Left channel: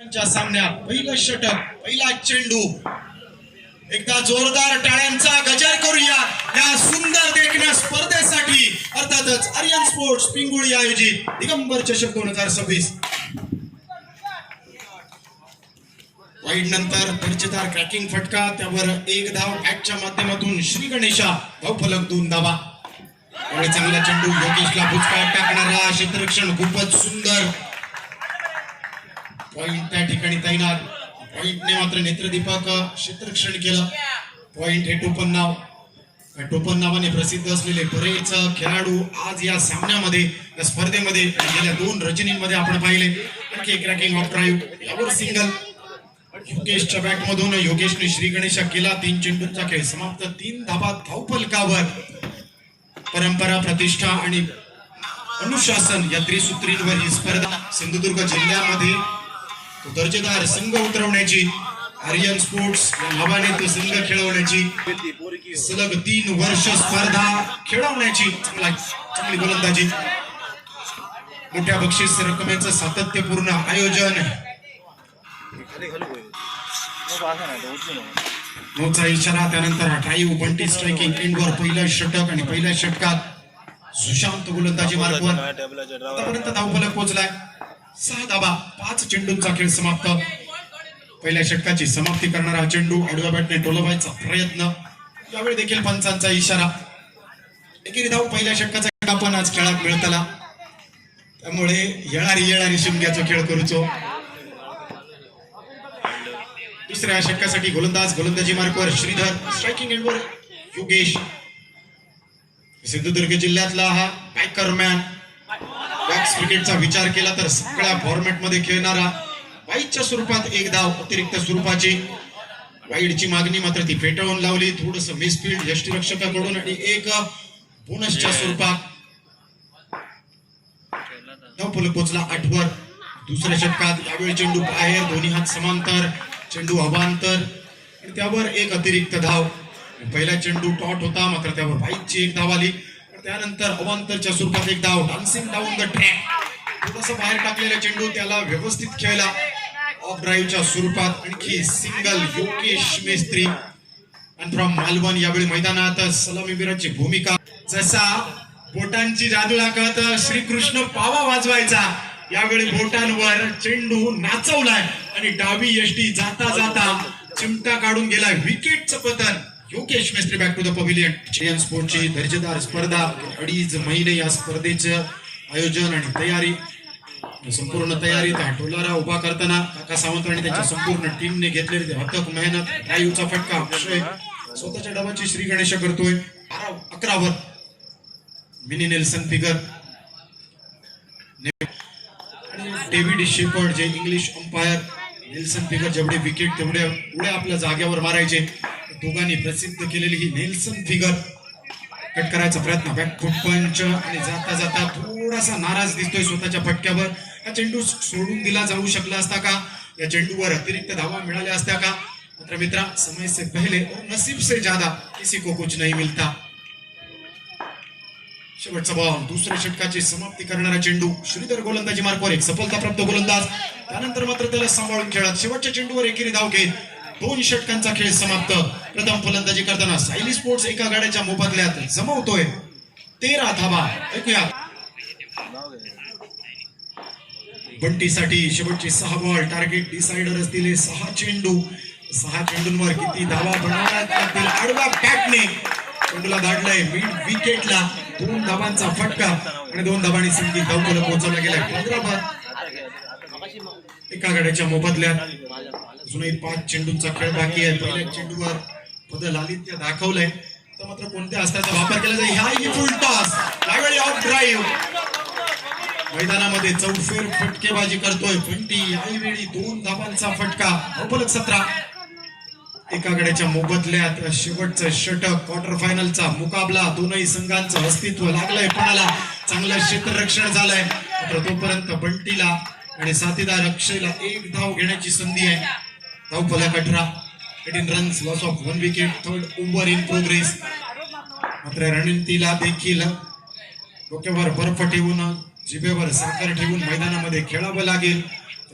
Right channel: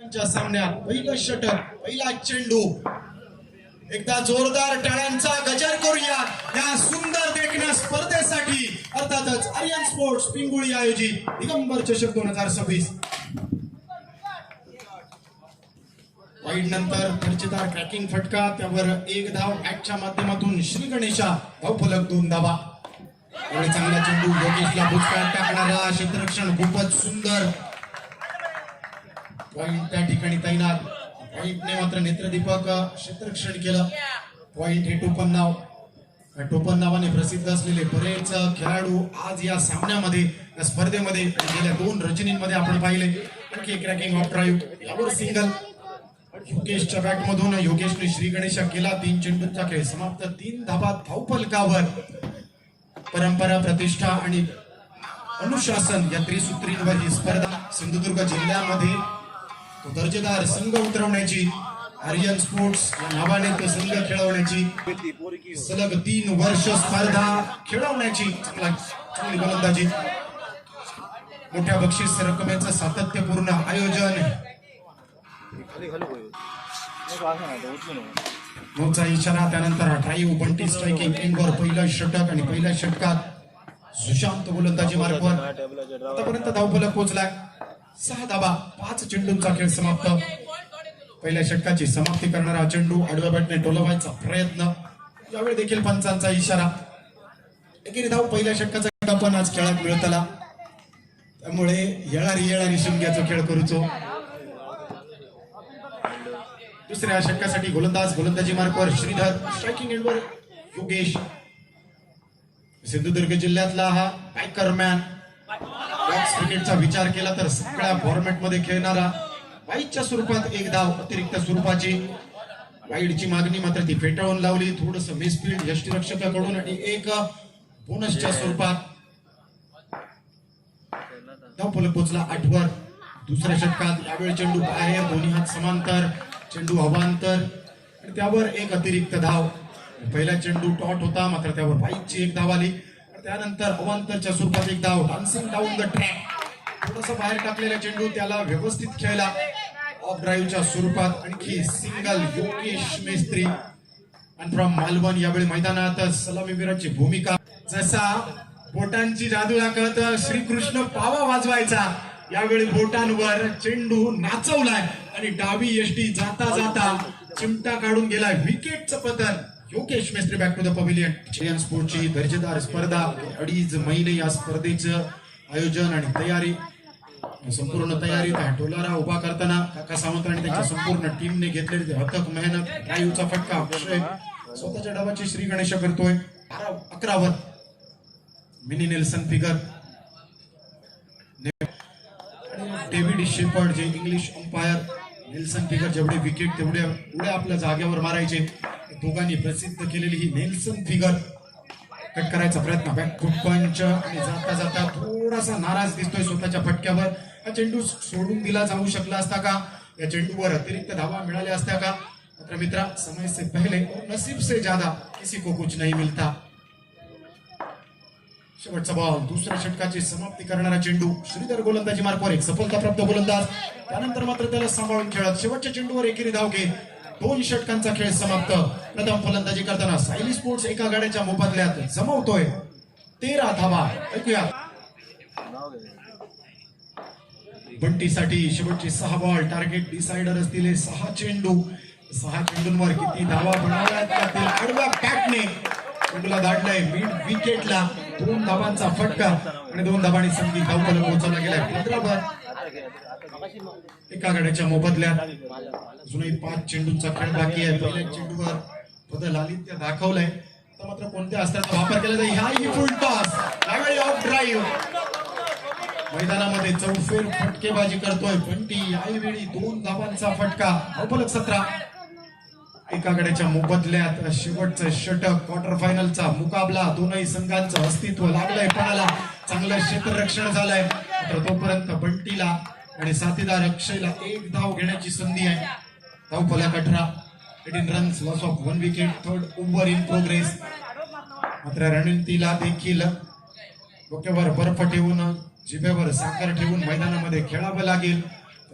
सामन्यात पहिलं षटक, पहिला चेंडू. एकदा जोरदार टाळ्यांचा गजर करूया या सुंदर देखण्या स्पर्धेसाठी. अर्थातच आर्यन स्पोर्ट्स पिंगुळी आयोजित दिगंबर चषक 2026. वाईड नंतर दर्जेदार क्रॅकिंग फटका, त्यावर एक धाव बॅटच्या माध्यमातून श्री गणेशा, धावफलक 2 धावा. आणि चांगला चेंडू, योगेशला बुचकाट टाकणारा क्षेत्ररक्षण खूपच सुंदर. पॉइंट त्या ठिकाणी तैनात. पॉइंटने मात्र नेत्रदीपक क्षेत्ररक्षण केलं. पॉइंट हे टोपण नाव, टोपण नावाने प्रसिद्ध असलेले बरेच खेळाडू आज या सामन्यामध्ये, या स्पर्धेमध्ये गेल्या 2 रचनींमध्ये आपण पाहिले. आणखी क्रॅकिंग ऑफ ड्राईव्ह, यावर सिंगल. योगेशच्या बॅटमधून योगेशने श्री गणेशा केला. 3 चेंडूंचा खेळ समाप्त. 3 धाबा धावफलकावर. परंपरा, प्रतिष्ठा आणि अनुशासन या त्रिसूत्रींवर ही स्पर्धा सिंधुदुर्ग जिल्ह्यामध्ये तो दर्जेदार संघ उतरवण्याची, आर्यन स्पोर्ट्स या नावाने तो संघ खेळवण्याची, सलग 3 वर्ष स्पर्धा खेळवण्याची चांगली गोलंदाजी, मोठ्या बक्षीस रकमेचं सातत्यपूर्ण आयोजन. नोचा इशारा, त्यानंतर ड्राईव्ह, बंटी स्ट्रायकिंग, एंडवर पहिलं षटक आणि पहिल्या षटकात सुशांत गोलंदाजी मार्गवर. आतापर्यंत धावफलक पोहोचलाय 6 धाबा, 5 चेंडूंचा खेळ समाप्त. पहिल्या षटकाची समाप्ती करणारा चेंडू आडव्या बॅटने डोलवायचा प्रयत्न, यावेळी देखील पंचांचा इशारा. एकेरी धाव पहिल्या षटकाचा आपण आज खेळात मिळतला, त्यामुळे येणारी शिमग्याचा खेळ करूचो. दुसऱ्या षटकासाठी गोलंदाजी मार्कवर श्रीधर, स्ट्रायकिंग एंडवर योगेश. सिंधुदुर्ग जिल्ह्यातला हा बॅकरमॅन. बॅक्स क्रिकेटचा विचार केला तर सगळ्या फॉर्मॅट मध्ये खेळणारा. वाईडच्या स्वरूपात 1 धाव अतिरिक्त स्वरूपाची. वाईडची मागणी मात्र ती फेटाळून लावली. थोडस मिसफील्ड यष्टीरक्षकाकडून आणि 1 बोनसच्या स्वरूपात धावफलक पोहोचला 8 वर. दुसऱ्या षटकात यावेळी चेंडू बाहेर, दोन्ही हात समांतर, चेंडू अवांतर आणि त्यावर 1 अतिरिक्त धाव. पहिला चेंडू टॉट होता, मात्र त्यावर वाईडची 1 धाव आली. त्यानंतर अवांतरच्या स्वरूपात 1 धाव. डान्सिंग डाऊन द ट्रॅक, थोडस बाहेर टाकलेला चेंडू, त्याला व्यवस्थित खेळला ऑफ ड्राईव्हच्या स्वरूपात. आणखी सिंगल योगेश मेस्त्री आणि फ्रॉम मालवण यावेळी मैदानात सलामीवीराची भूमिका. जसा बोटांची जादू दाखवत श्रीकृष्ण पावा वाजवायचा, यावेळी बोटांवर चेंडू नाचवलाय आणि डावी यष्टी जाता जाता चिमटा काढून गेलाय. विकेटचं पतन. Yogesh Mestry back to the pavilion. Aryan स्पोर्ट्सची दर्जेदार स्पर्धा. 2.5 महिने या स्पर्धेचं आयोजन आणि तयारी, संपूर्ण तयारी टोलारा उभा करताना काका सावंत आणि त्यांच्या संपूर्ण टीमने घेतलेली अथक मेहनत. ड्राईव्हचा फटका अक्षय स्वतःच्या डावाची श्री गणेशा करतोय. 11 वर मिनी नेल्सन फिगर आणि डेव्हिड शेपर्ड जे इंग्लिश अंपायर. नेल्सन फिगर जेवढे विकेट तेवढे उड्या आपल्या जागेवर मारायचे. दोघांनी प्रसिद्ध केलेली ही नेल्सन फिगर. कट करायचा प्रयत्न, बॅकफूट पंच आणि जाता जाता थोडासा नाराज दिसतोय स्वतःच्या फटक्यावर. हा चेंडू सोडून दिला जाऊ शकला असता का? या चेंडूवर अतिरिक्त धावा मिळाल्या असत्या का? मात्र मित्रा, समय से पहले और नसीब से ज्यादा किसी को कुछ नहीं मिलता. शेवटचा बॉल. दुसऱ्या षटकाची समाप्ती करणारा चेंडू. श्रीधर गोलंदाजी मार्कवर, एक सफलताप्राप्त गोलंदाज. त्यानंतर मात्र त्याला सांभाळून खेळत शेवटच्या चेंडूवर एकेरी धाव घेत 2 षटकांचा खेळ समाप्त. प्रथम फलंदाजी करताना सायली स्पोर्ट्स एका गाड्याच्या मोबदल्यात जमवतोय 13 धावा. ऐकूया. बंटीसाठी शेवटचे 6 बॉल. टार्गेट डिसाइडर असतील 6 चेंडू. 6 चेंडूंवर किती धावा बनवण्यात येतील? आडव्या बॅटने चेंडूला दाटलाय मिड विकेटला. 2 धावांचा फटका आणि 2 धावांनी संधी धावफलक पोहोचवला गेलाय 15 वर. एका गाड्याच्या मोबदल्यात अजूनही 5 चेंडूंचा खेळ बाकी आहे. पहिल्या चेंडूवर बदल आदित्य दाखवलंय, तर मात्र कोणत्या अस्त्राचा वापर केला जाईल? ह्याही फुल टॉस, यावेळी ऑफ ड्राईव्ह. मैदानामध्ये चौफेर फटकेबाजी करतोय बंटी. यावेळी 2 धावांचा फटका. धावफलक 17. एका गड्याच्या मोबदल्यात शेवटचं षटक. क्वार्टर फायनलचा मुकाबला. दोनही संघांचं अस्तित्व लागलंय पणाला. चांगलं क्षेत्ररक्षण झालंय, मात्र तोपर्यंत बंटीला आणि साथीदार अक्षयला 1 धाव घेण्याची संधी आहे. धावफलक 18. 18 runs, loss of 1 wicket. 3rd over in progress. मात्र रणनीतीला देखील डोक्यावर बर्फ ठेवून, जिभेवर साखर ठेवून मैदानामध्ये खेळावं लागेल.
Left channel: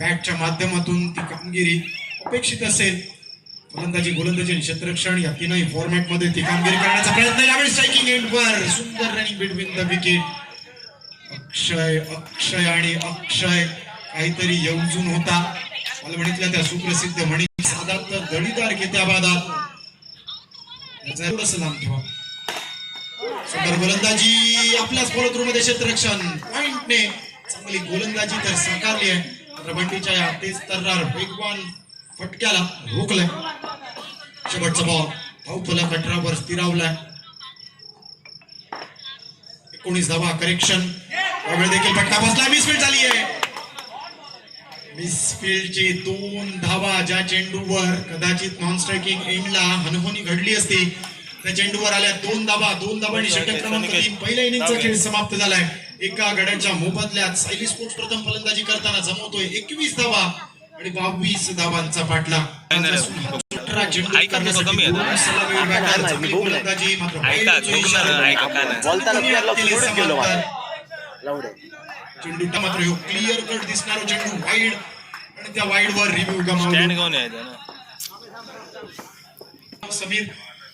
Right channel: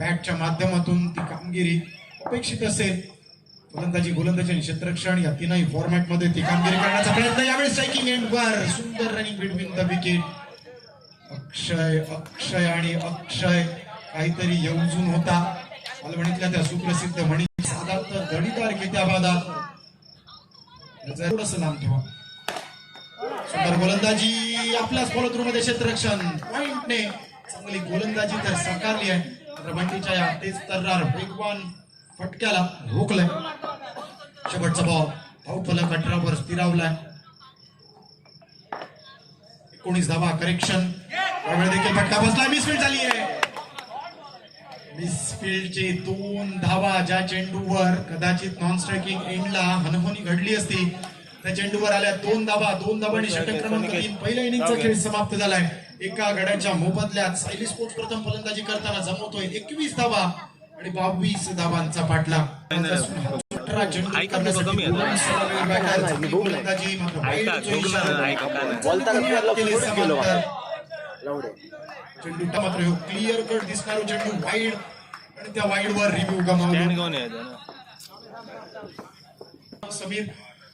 बॅटच्या माध्यमातून ती कामगिरी अपेक्षित असेल. फलंदाजी, गोलंदाजी आणि क्षेत्ररक्षण या तीनही फॉर्मॅट मध्ये ती कामगिरी करण्याचा प्रयत्न. यावेळी स्ट्रायकिंग एंडवर सुंदर रनिंग बिटवीन द विकेट. अक्षय आणि अक्षय काहीतरी येऊजून होता. मालवणीतल्या त्या सुप्रसिद्ध म्हणी साधात गणितार घेत्या बादात. थोडस लांब ठेवा. सुंदर गोलंदाजी आपल्याच फॉलो थ्रू मध्ये क्षेत्ररक्षण पॉइंटने चांगली गोलंदाजी तर साकारली आहे. मात्र बंटीच्या या तेज तर्रार वेगवान फटक्याला रोखलंय. शेवटचा बॉल धावफलक 18 वर स्थिरावलाय. 19 धावा करेक्शन. यावेळी देखील फटका बसला. मिसफील्ड झाली आहे. मिसफील्डची 2 धावा ज्या चेंडूवर कदाचित नॉन स्ट्रायकिंग एंडला हनहोनी घडली असती त्या चेंडूवर आल्या. 2 धावांनी षटक क्रमांक 3 पहिल्या इनिंगचा खेळ समाप्त झालाय. एका गड्याच्या मोबदल्यात सायली स्पोर्ट्स प्रथम फलंदाजी करताना जमवतोय 21 धावा आणि 22 धावांचा पाठलाग. 18 चेंडू करण्यासाठी 2 सलामी बॅटर चांगली गोलंदाजी. मात्र चेंडू मात्र क्लिअर कट दिसणारा चेंडू वाईड आणि त्या वाईड वर रिव्ह्यू गमावला. समीर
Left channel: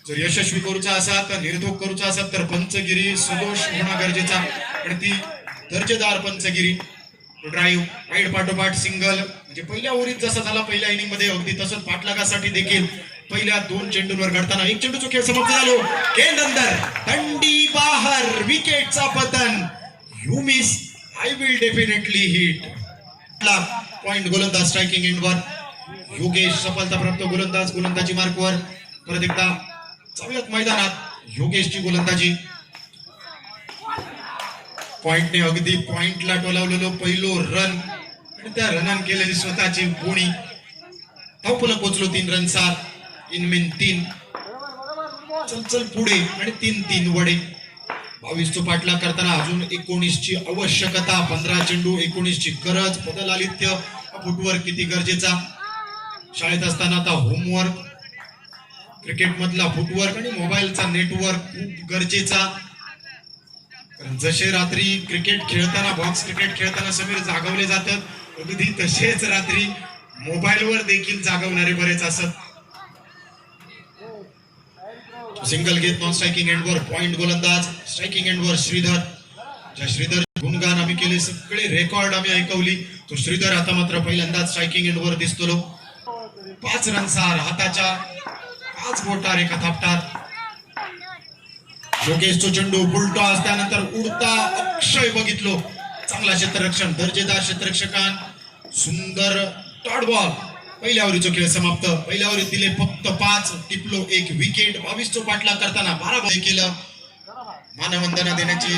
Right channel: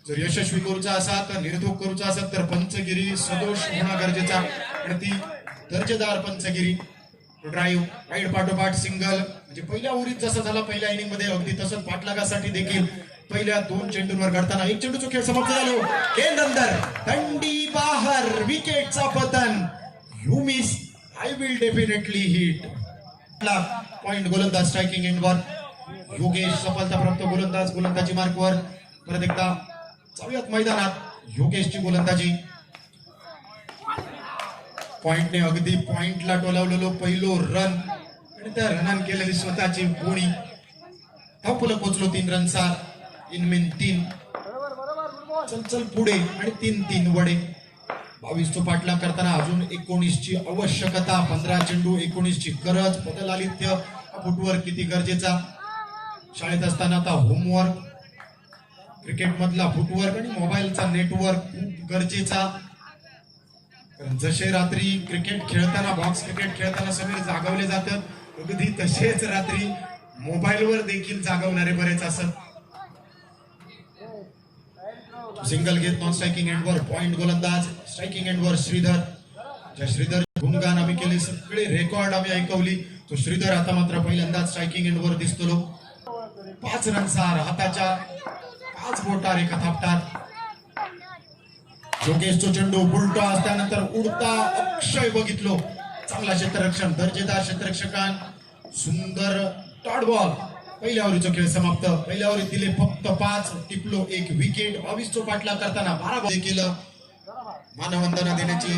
जर यशस्वी करूचा असा तर निर्धोक करूचा असा तर पंचगिरी सदोष होणं गरजेचा आणि ती दर्जेदार पंचगिरी. ड्राईव्ह वाईड पाठोपाठ सिंगल म्हणजे पहिल्या ओव्हरीत जसं झाला पहिल्या इनिंग मध्ये अगदी तसंच पाठलागासाठी देखील पहिल्या 2 चेंडूंवर घडताना 1 चेंडूचा खेळ समाप्त झालो. खेळ अंदर दंडी बाहेर विकेटचा पतन. You miss I will definitely hit. Point गोलंदाज स्ट्रायकिंग एंडवर. योगेश सफलताप्राप्त गोलंदाज गोलंदाजी मार्कवर. परत एकदा जाऊयात मैदानात. योगेशची गोलंदाजी. पॉइंटने अगदी पॉइंटला टोलावलेलो पहिलो रन आणि त्या रनान केलेली स्वतःची बोणी. धावफलक पोचलो 3 रनचा. इनमिन 3. चल पुढे आणि 3 वडे. 22 चा पाठलाग करताना अजून 19 ची आवश्यकता. 15 चेंडू 19 ची गरज. बदल आलित्य फुटवर्क किती गरजेचा. शाळेत असताना आता होमवर्क, क्रिकेट मधला फुटवर्क आणि मोबाईलचा नेटवर्क खूप गरजेचा. जसे रात्री क्रिकेट खेळताना बॉक्स क्रिकेट खेळताना समीर जागवले जातात अगदी तसेच रात्री मोबाईलवर देखील जागवणारे बरेच असत. सिंगल घेत नॉन स्ट्रायकिंग एंडवर. पॉइंट गोलंदाज स्ट्रायकिंग एंडवर श्रीधर. ज्या श्रीधर गुणगान आम्ही केले सगळे रेकॉर्ड आम्ही ऐकवली तो श्रीधर आता मात्र पहिल्यांदाच स्ट्रायकिंग एंडवर दिसतो. 5 रनसार हाताच्या 5 बोटार एका थापटात. योगेशचा चेंडू फुलटॉस. त्यानंतर उडता अक्षय बघितलो. चांगला क्षेत्ररक्षण दर्जेदार क्षेत्ररक्षकान. सुंदर डॉट बॉल. पहिल्या ओव्हरीचा खेळ समाप्त. पहिल्या ओव्हरीत दिले फक्त 5. टिपलो 1 विकेट. 22 चा पाठलाग करताना 12 बॉल केलं. मानवंदना देण्याची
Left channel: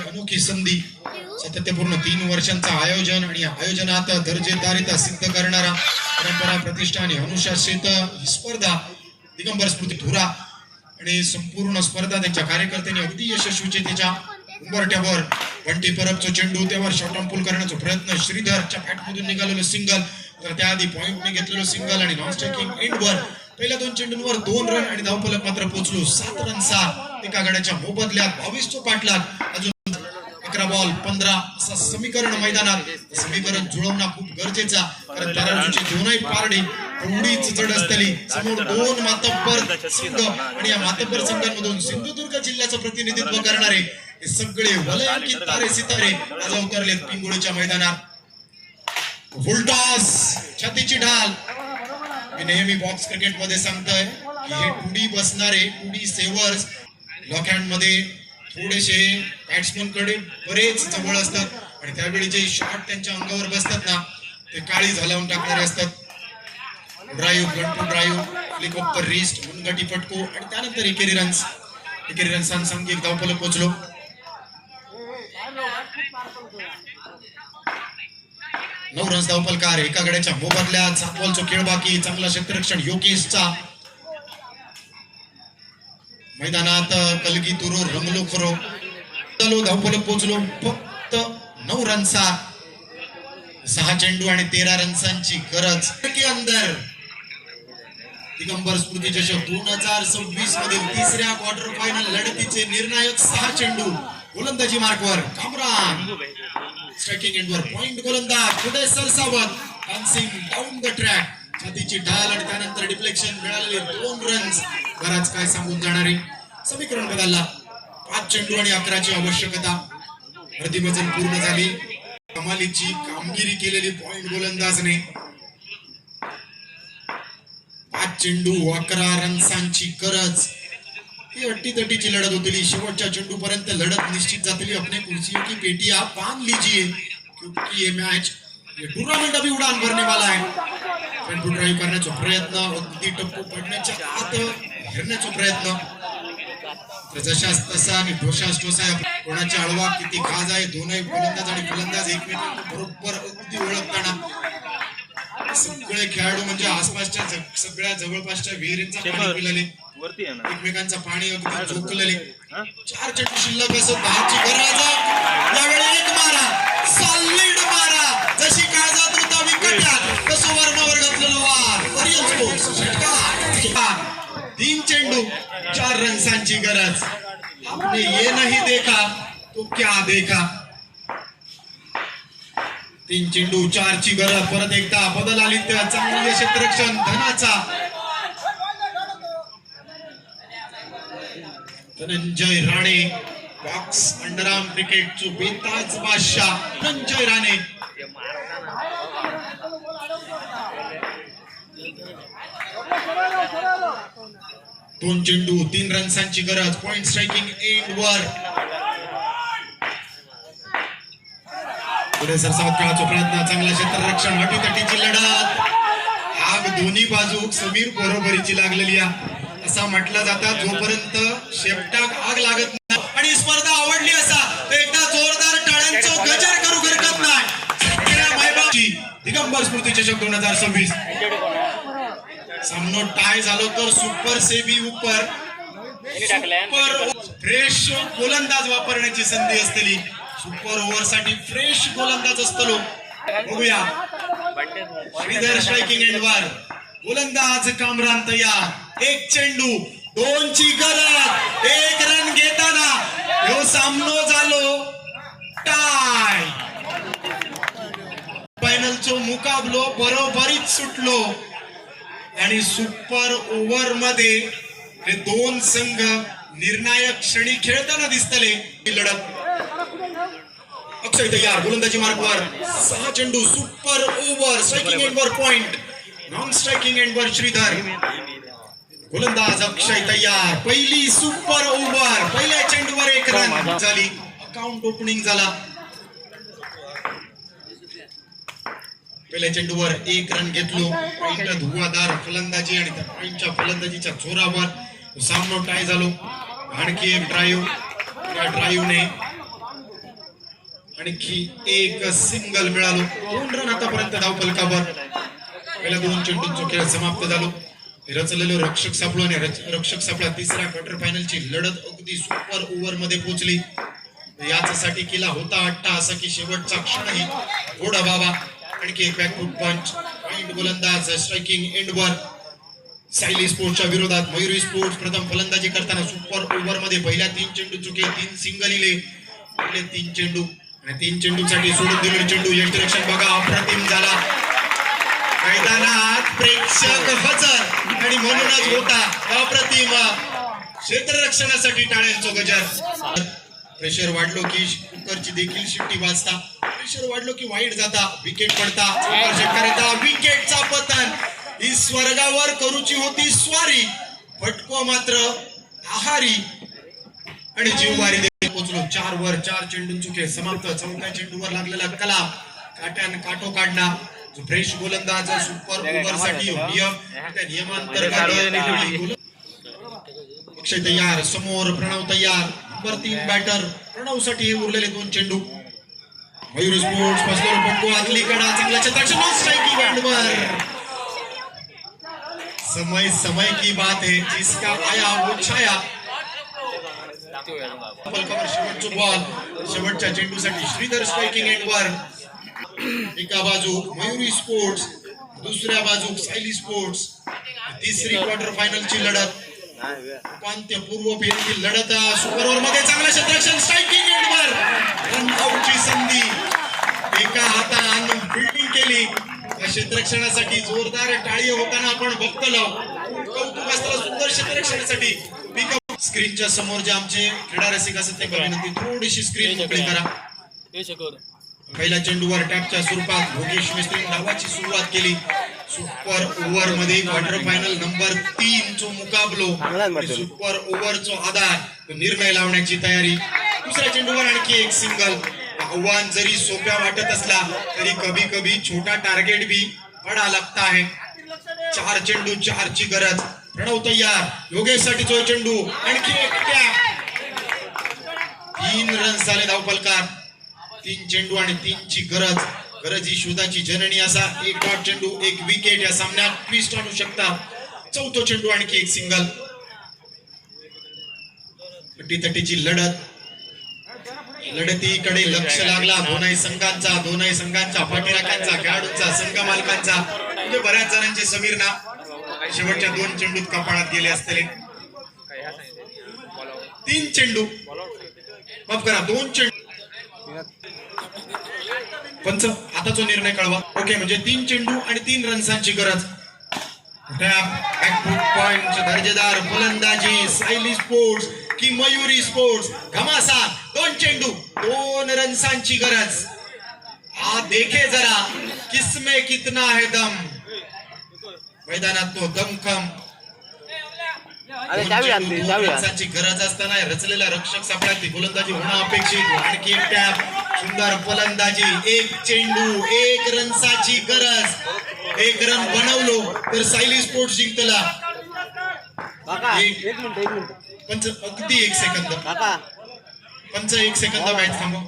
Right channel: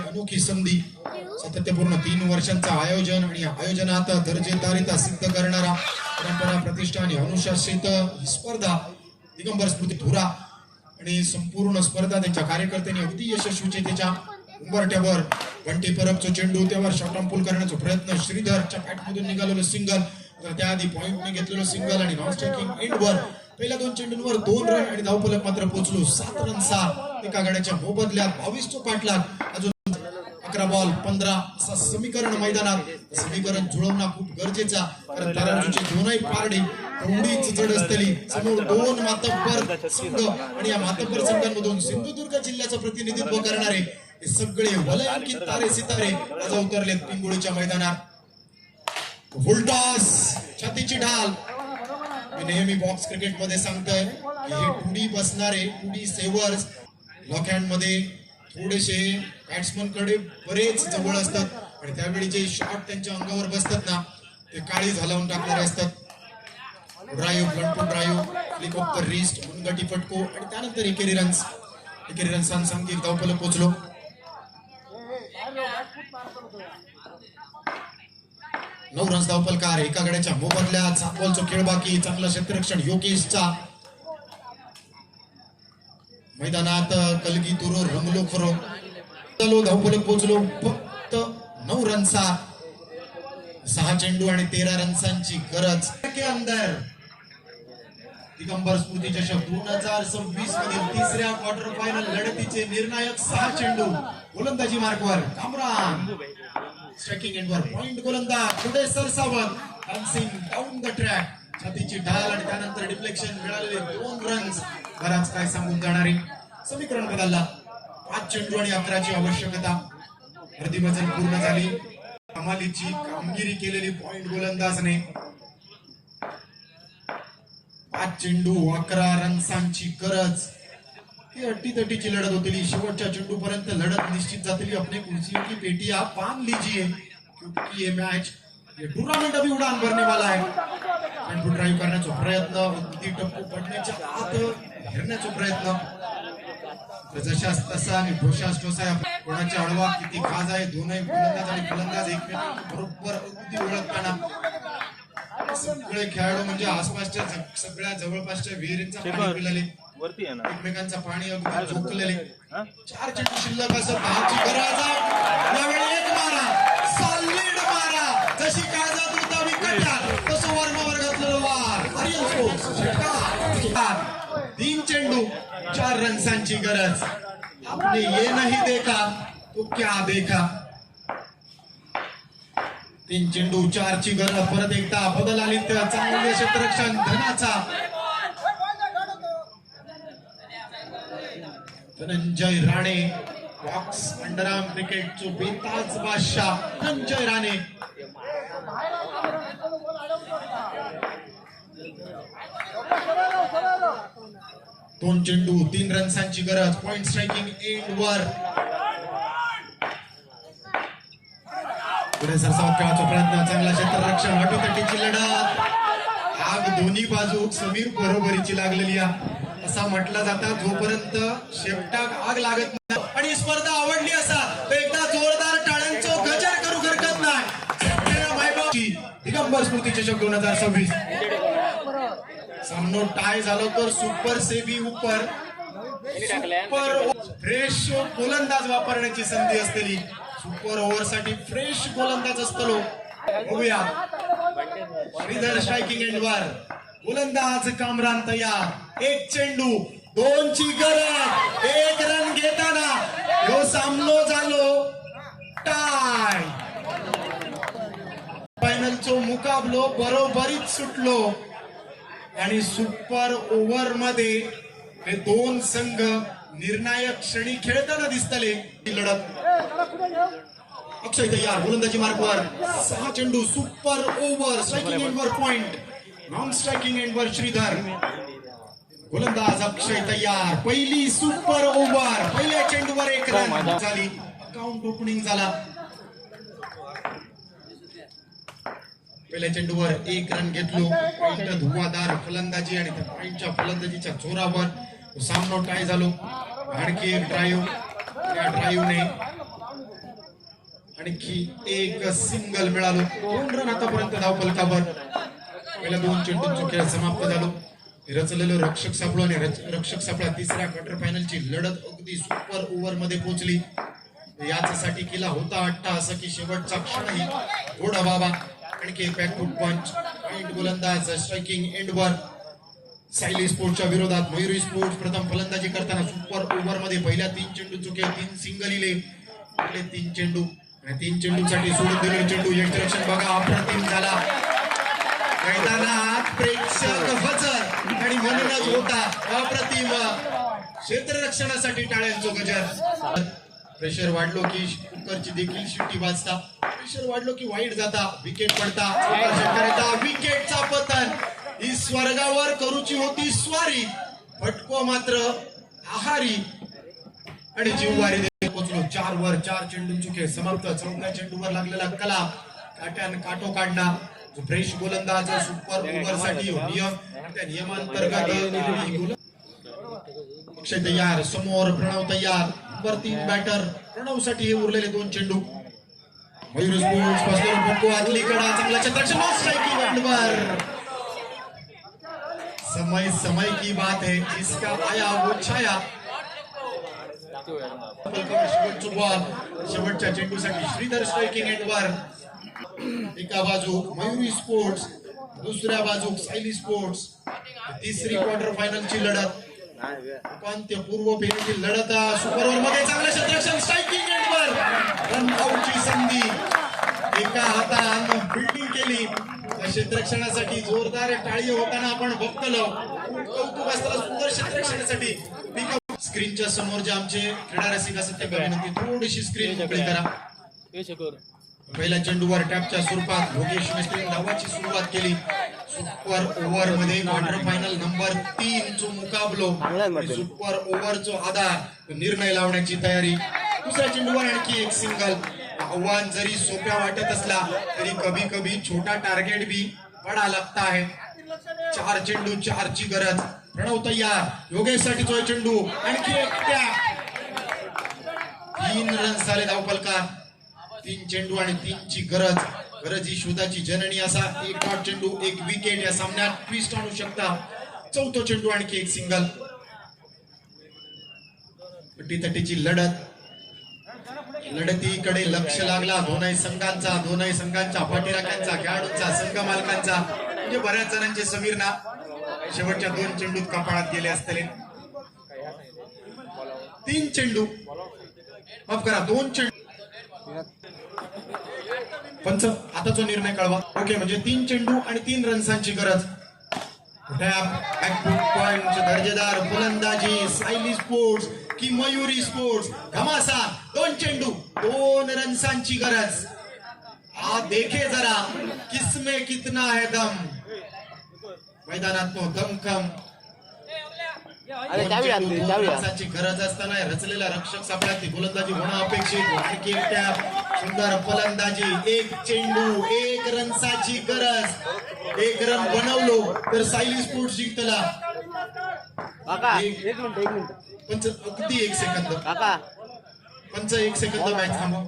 अनोखी संधी. सातत्यपूर्ण 3 वर्षांचा आयोजन आणि आयोजनात दर्जेदारिता सिद्ध करणारा परंपरा प्रतिष्ठा आणि अनुशासित ही स्पर्धा दिगंबर स्मृती ठुरा आणि संपूर्ण स्पर्धा त्यांच्या कार्यकर्त्यांनी अगदी यशस्वीतेच्या उंबरठ्यावर. बंटी परबचा चेंडू त्यावर शॉर्ट पूल करण्याचा प्रयत्न. श्रीधरच्या बॅटमधून निघालेलं सिंगल. तर त्याआधी पॉइंटने घेतलेलं सिंगल आणि नॉन स्ट्रायकिंग एंडवर पहिल्या 2 चेंडूंवर 2 रन आणि धावफलक मात्र पोहोचलो 7 रनचा. एका गड्याच्या मोबदल्यात 22 चा पाठलाग. अजून 11 बॉल 15 असं समीकरण मैदानात. समीकरण जुळवणं खूप गरजेचा कारण तारांची दोनही पारडी थोडीच जड असतली. समोर 2 मातब्बर संघ आणि या मातब्बर संघांमधून सिंधुदुर्ग जिल्ह्याचं प्रतिनिधित्व करणारे हे सगळे वलयांकित तारे सितारे आज उतरलेत पिंगुळीच्या मैदानात. फुलटॉस छातीची ढाल. मी नेहमी बॉक्स क्रिकेट मध्ये सांगतोय की हे 2D बसणारे 2D सेवर्स लॉक हँड मध्ये थोडेसे बॅट्समन कडे बरेच जवळ असतात आणि त्यावेळी जे शॉट त्यांच्या अंगावर बसतात ना ते काळी झालावून टाकणारे असतात. Drive gun to drive flick off the wrist मुनगटी फटको आणि त्यानंतर एकेरी रन्स सांघिक धावफलक पोहोचलो. 9 रन्स धावफलकार. एका गड्याच्या मोबदल्यात 7 बॉलचा खेळ बाकी. चांगला क्षेत्ररक्षण योगेशचा. मैदानात कलगी तुरो रंगलो खरो. धावफलक पोहोचलो फक्त 9 रनचा. 6 चेंडू आणि 13 रन्सांची गरज. अंदर दिगंबर स्मृती चषक 2026 मधील 3ऱ्या क्वार्टर फायनल लढतीचे निर्णायक 6 चेंडू गोलंदाजी मार्कवर कामरान स्ट्रायकिंग एंडवर पॉइंट गोलंदाज पुढे सरसावत डान्सिंग डाऊन द ट्रॅक छातीची ढाल आणि त्यानंतर डिफ्लेक्शन मिळालेले 2 रन्स बराच काय सांगून जाणारे समीकरण बदलला 5 चेंडू आणि 11ची आवश्यकता अर्धी मजल पूर्ण झाली कमालीची कामगिरी केलेली पॉइंट गोलंदाजने 5 चेंडू 11 रन्सांची गरज ही अट्टीतटीची लढत होती शेवटच्या चेंडू पर्यंत लढत निश्चित जातली अपने कुर्सियों की पेटियां बांध लीजिए क्योंकि ये मैच ये टूर्नामेंट अभी उडान भरने वाला है टेम्पो ड्राइव्ह करण्याचा प्रयत्न अगदी टप्पू पडण्याच्या आत घेण्याचा प्रयत्न जशास तसा आणि ढोशास ढोसा कोणाची आळवा किती खाज आहे दोनही गोलंदाज आणि फलंदाज एकमेकांना बरोबर अगदी ओळखताना सगळे खेळाडू म्हणजे आसपासच्या सगळ्या जवळपासच्या विहिरींचा पाणी पिलेले एकमेकांचा पाणी अगदी झोकलेले 4 चेंडू शिल्लक असं 10ची गरज यावेळी एक मारा सॉलिड मारा जशी काळजात होता विकट्यात तसं वर्णावर घातलेलं वार 3 चेंडू 4 रन्सांची गरज आपने ये नहीं देखा तो क्या देखा 3 चेंडू 4 ची गरज परत एकदा बदल आली तर चांगले क्षेत्ररक्षण धनाचा धनंजय राणे बॉक्स अंडरआर्म क्रिकेटचो बेताज बादशाह धनंजय राणे दोन चेंडू 3 रन्सांची गरज पॉइंट स्ट्रायकिंग एंड वर पुढे सरसावत खेळाचा प्रयत्न चांगला क्षेत्ररक्षण अटीतटीची लढत आग दोन्ही बाजू समीर बरोबरीची लागलेली असा म्हटलं जातं जोपर्यंत शेपटाक आग लागत नाही आणि स्पर्धा आवडली असा तर एकदा जोरदार टाळ्यांचं गजर करू हरकत नाही दिगंबर स्मृती चषक 2026 सामनो टाय झालो तर सुपर सेबी उपर सुपर फ्रेश गोलंदाज वापरण्याची संधी असलेली सुपर ओव्हर साठी फ्रेश गोलंदाज असतो बघूया श्रीधर स्ट्रायकिंग एंडवर गोलंदाज कामरान तयार 1 चेंडू 2 ची गरज 1 रन घेताना ह्यो सामनो झालो टाय फायनलचो मुकाबलो बरोबरीत सुटलो आणि सुपर ओव्हर मध्ये हे 2 संघ निर्णायक क्षणी खेळताना दिसतले ही लढत अक्षय तयार गोलंदाजी मार्कवर 6 चेंडू सुपर ओव्हर स्ट्रायकिंग एंडवर पॉइंट नॉन स्ट्रायकिंग एंडवर श्रीधर गोलंदाज अक्षय तयार पहिली सुपर ओव्हर पहिल्या चेंडूवर 1 रन झाली अकाउंट ओपनिंग झाला पहिल्या चेंडूवर 1 रन घेतलो पॉइंट धुवादार फलंदाजी आणि त्या पॉइंटच्या फलंदाजीच्या जोरावर सामनो टाय झालो आणखी एक ड्राईव्ह त्या ड्राईव्हने आणखी एक सिंगल मिळालो 2 रन आतापर्यंत धावफलकावर पहिल्या 2 चेंडूंचा खेळ समाप्त झालो रचलेलो रक्षक सापळो आणि रक्षक सापळा तिसऱ्या क्वार्टर फायनलची लढत अगदी सुपर ओव्हर मध्ये पोहोचली याच्यासाठी केला होता अट्टा असं की शेवटचा क्षणही गोड व्हावा आणखी एक बॅकफूट पंच पॉइंट गोलंदाज स्ट्रायकिंग एंडवर सायली स्पोर्ट्सच्या विरोधात मयुरी स्पोर्ट्स प्रथम फलंदाजी करताना सुपर ओव्हर मध्ये पहिल्या 3 चेंडू चुके 3 सिंगल इले आपले 3 चेंडू आणि 3 चेंडूसाठी सोडून दिलेले चेंडू यंत्ररक्षण बघा अप्रतिम झाला मैदानात प्रेक्षक हजर आणि म्हणूनच होता अप्रतिम क्षेत्ररक्षणासाठी टाळ्यांचं गजर प्रेशर वाढलो की कुकरची देखील शिट्टी वाजता प्रेशर वाढलो की वाईट जाता विकेट पडता शेतकऱ्याचा विकेटचा पतन ही स्वर्गावर करूची होती स्वारी फटको मात्र आहारी आणि जीववारी देखील पोहोचलो 4 वर 4 चेंडूंचे खेळ समाप्त चौथ्या चेंडूवर लागलेला कला काट्यान काटो काढणा जो फ्रेश गोलंदाज सुपर ओव्हर साठी नियम त्या नियमांतर्गत अक्षय तयार समोर प्रणव तयार नंबर 3 बॅटर प्रणव साठी हे उरलेले 2 चेंडू मयूर स्पोर्ट्स फसलो फटको आतली कडा चांगला क्षेत्ररक्षण स्ट्राइकिंग एंडवर समय समय की बात है जिसका आया वो छाया शेवटच्या चेंडूसाठी श्रीधर स्ट्रायकिंग एंडवर एका बाजू मयुरी स्पोर्ट्स दुसऱ्या बाजू सायली स्पोर्ट्स तिसरी क्वार्टर फायनलची लढत उपांत्यपूर्व फेरीतील लढत सुपर ओव्हर मध्ये चांगलं क्षेत्ररक्षण स्ट्रायकिंग एंडवर रन आउटची संधी एका हाताने फिल्डिंग केली. क्षेत्ररक्षणासाठी जोरदार टाळी होताना आपण बघतलो. कौतुक असताना सुंदर क्षेत्ररक्षणासाठी स्क्रीनच्या समोर जे आमचे क्रीडा रसिक असतात ते विनंती थोडीशी स्क्रीन मोकळी करा. पहिल्या चेंडूवर टॅपच्या स्वरूपात योगेश मिस्त्री डावाची सुरुवात केली. सुपर ओव्हर मध्ये क्वार्टर फायनल नंबर 3 चो मुकाबलो सुपर ओव्हर चो आधार निर्णय लावण्याची तयारी. दुसऱ्या चेंडूवर आणखी एक सिंगल. आव्हान जरी सोप्या वाटत असला तरी कभी कभी छोटा टार्गेट भी बडा लगता है. 4 चेंडू 4 ची गरज. प्रणव तयार. योगेश साठी जो चेंडू आणखी एक टॅप. 3 रन झाले धावफलकार. 3 चेंडू आणि 3 ची गरज ही शोधाची जननी. असा एक डॉट चेंडू एक विकेट या सामन्यात ट्विस्ट आणू शकता. 4था चेंडू आणखी एक सिंगल. तटीची लढतीकडे लक्ष लागला दोनही संघांचा पाठीराख्यांचा खेळाडूंचा संघ मालकांचा म्हणजे बऱ्याच जणांचे समीर ना शेवटच्या 2 चेंडूत कपाळात गेले असतले. 3 चेंडू माफ करा 2 चेंडू. पंच आता जो निर्णय कळवा. ओके म्हणजे 3 चेंडू आणि 3 रन्सांची गरज. पॉइंट दर्जेदार फलंदाजी सायली स्पोर्ट्स की मयुरी स्पोर्ट्स घमासा. 2 चेंडू 2 रन्सांची गरज. देखे जरा किसमें कितना है दम. मैदानात तो दमखम रन्सांची गरज असताना रचलेला रक्षक सापळ्यात गोलंदाजी होणं अपेक्षित. आणखी एक टॅप. सुंदर फलंदाजी. 1 चेंडू 1 रन्साची गरज. 1 रन बनवलो तर सायली स्पोर्ट्स जिंकला. एक मिनिट पंच अगदी 1 सेकंद पंच 1 सेकंद मॅच थांबव.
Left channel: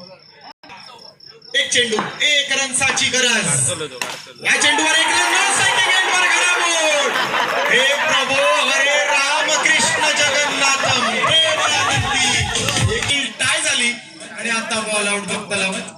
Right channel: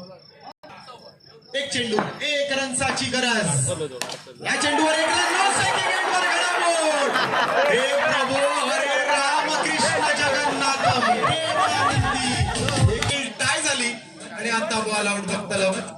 1 चेंडू 1 रन्साची गरज. या चेंडूवर 1 रन. हे प्रभू हरे राम कृष्ण जगन्नाथम. टाय झाली आणि आता बॉल आउट.